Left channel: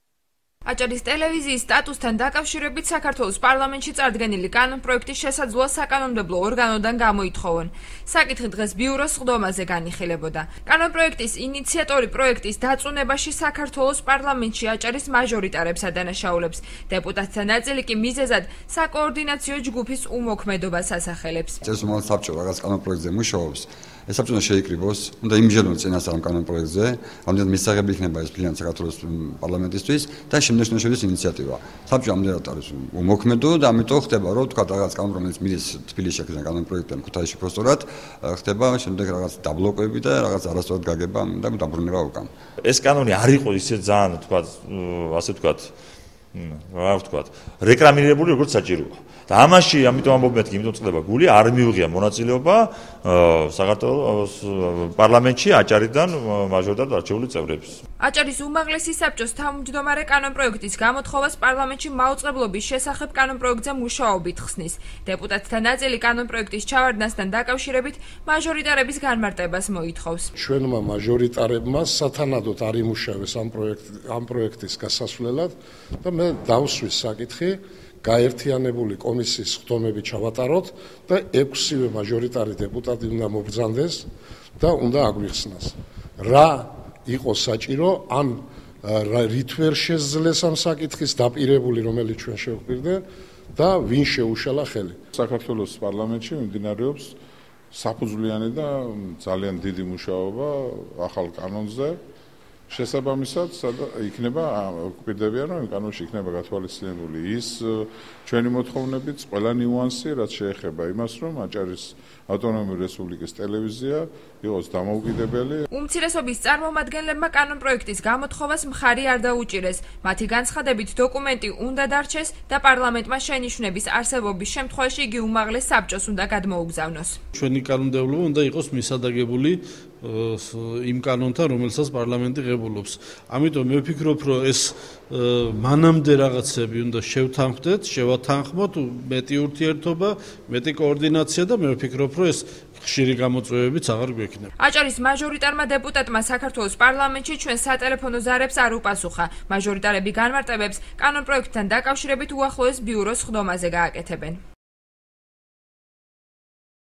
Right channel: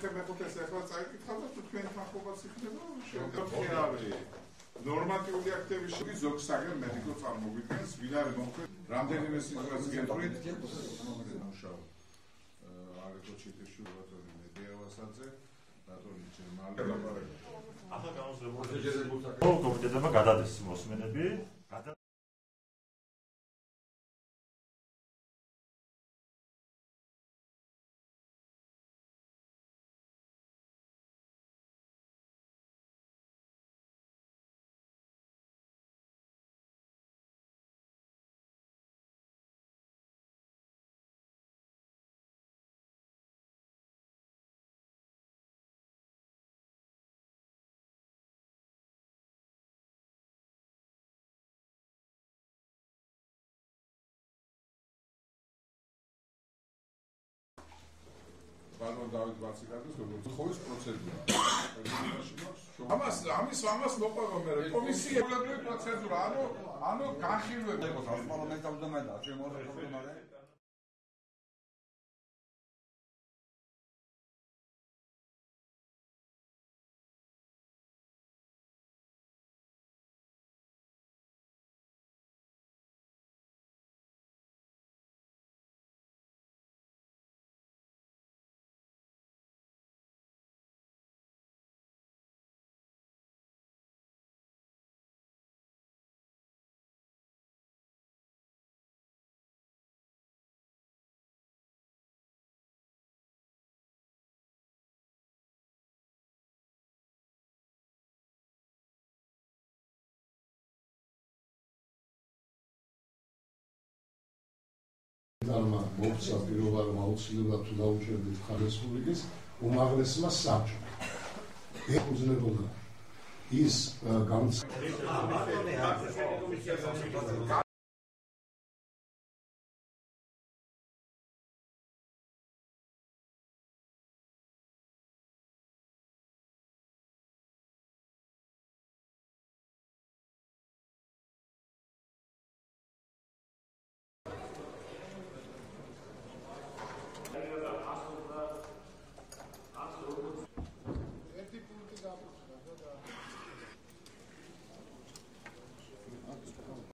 აჭარის ტელევიზიის სტატუსთან დაკავშირებით საქართველოს პარლამენტში წარდგენილი კანონპროექტის შესაძლოა საკანონმდებლო ორგანოდან გამოითხოვონ. საკითხი დღეს ბიუროს სხდომაზე განიხილებოდა. კანონპროექტის ინიციატორი პროექტის დაწუნებაში საქართველოს პარლამენტში აჭარის მაჟორიტარებს ადანაშაულებს. დეპუტატთა ნაწილი კი მიზეზად საკოორდინაციო ჯგუფის უმოქმედობას ასახელებს. წესრიგის საბჭო რაღაც კანონპროექტზე მუშაობს. ეს საბჭო შეიკრიბოს, უნდა იმჯერონ წინასწარ ამ კანონპროექტზე, ამდენად მისაღები იქნება ეს ფილანი საქართველოს პარლამენტისთვის და შემდეგ შედის ინიციატივა. საბჭო ამდენად არის უმოქმედო და ამიტომ ხდება, რომ თქვა რაღაც კანონ, რომელიც მიდის თბილისში აქედან კანონპროექტთან ქუთაისში პროსტორად, ხდება შემდეგ რაღაც დაბლოკები და რაღაც არასწორად გაგება და დაბრუნება უკან. ეს კანონი არ იყო ისე ძალიან თქვა, ასე თქვა, რა ვთქვა, რეკლამირებული როგორც საჭიროა. და ამაში ამიტომ ამბობ მეთქი, იმიტომ წდება გული არ მიუღია მონაწილეობა საქართველოს პარლამენტში აჭარიდან მაჟორიტარ არჩეული წევრებს. აჭარის უმაღლესი საბჭოს თავმჯდომარე კანონპროექტის გამოთხოვას პარლამენტში მაუწყებლობის შესახებ კანონპროექტზე მუშაობით ხსნის. დეპუტატთა ნაწილი კანონპროექტის ჩავარდნასთან დაკავშირებით მაჟორიტარების განმარტებას მოითხოვს. ჩვენმა მაჟორიტარებმა სათანადოდ არ იმუშავეს ამ პროექტის გასასვლელად და მე დავსვის საკითხი გაერთიანებული კომისიის სხდომები ჩავატაროთ და 6-ვე მაჟორიტარი დეპუტატი უნდა მობრძანდეს და უნდა აგვიხსნას. რა იყო საჭირო, ან რით ვერ შეძლეს ამ საკითხის დაპირებული, რომელიც ჩვენ შევხვდით და ვინ შეუშალა ხელი. საქართველოს პარლამენტში მიმდინარეობს საფუძვლიანი და ძალიან დიდი მუშაობა ახალ კანონზე. შესაბამისად, იქნება გვპირდებიან, რომ იმ კანონში იქნება გათვალისწინებული ის ჩვენი მოთხოვნებით ყველა ნიუანსი, რაც შეეხება იმას, რომ აჭარის ავტონომიური რესპუბლიკის ტელევიზია იყოს დამოუკიდებელი. უმცირესობის წარმომადგენლებმა კანონპროექტის გამოთხოვას მხარი არ დაუჭირეს. მათი განცხადებით, დოკუმენტი უნდა დარჩეს და პარლამენტმა შენიშვნების არსებობის შემთხვევაში იგი უმაღლეს საბჭოს უნდა გადმოუგზავნოს. ჩვენი კანონმდებლობა უნდა იყოს მისადაგებული იმ კანონთან, რომელსაც პარლამენტი ღებულობს. ამიტომ მე ვფიქრობ, რომ ეს მანამდე რაღაცები უნდა შევთანხმდეთ, შევათანხმოთ, მეტი ურთიერთობა, მეტი კოორდინაცია და მე ვფიქრობ, რომ ეს ხშირი გამოწვევებიც აღარ გვექნება. აჭარის მაჟორიტარმა დეპუტატმა საქართველოს პარლამენტში ჩვენ სატელეფონო ზარებს არ უპასუხა. მაჟორიტარები განმარტებებს კანონპროექტთან დაკავშირებით უახლოეს ბიუროს სხდომაზე გააკეთებენ.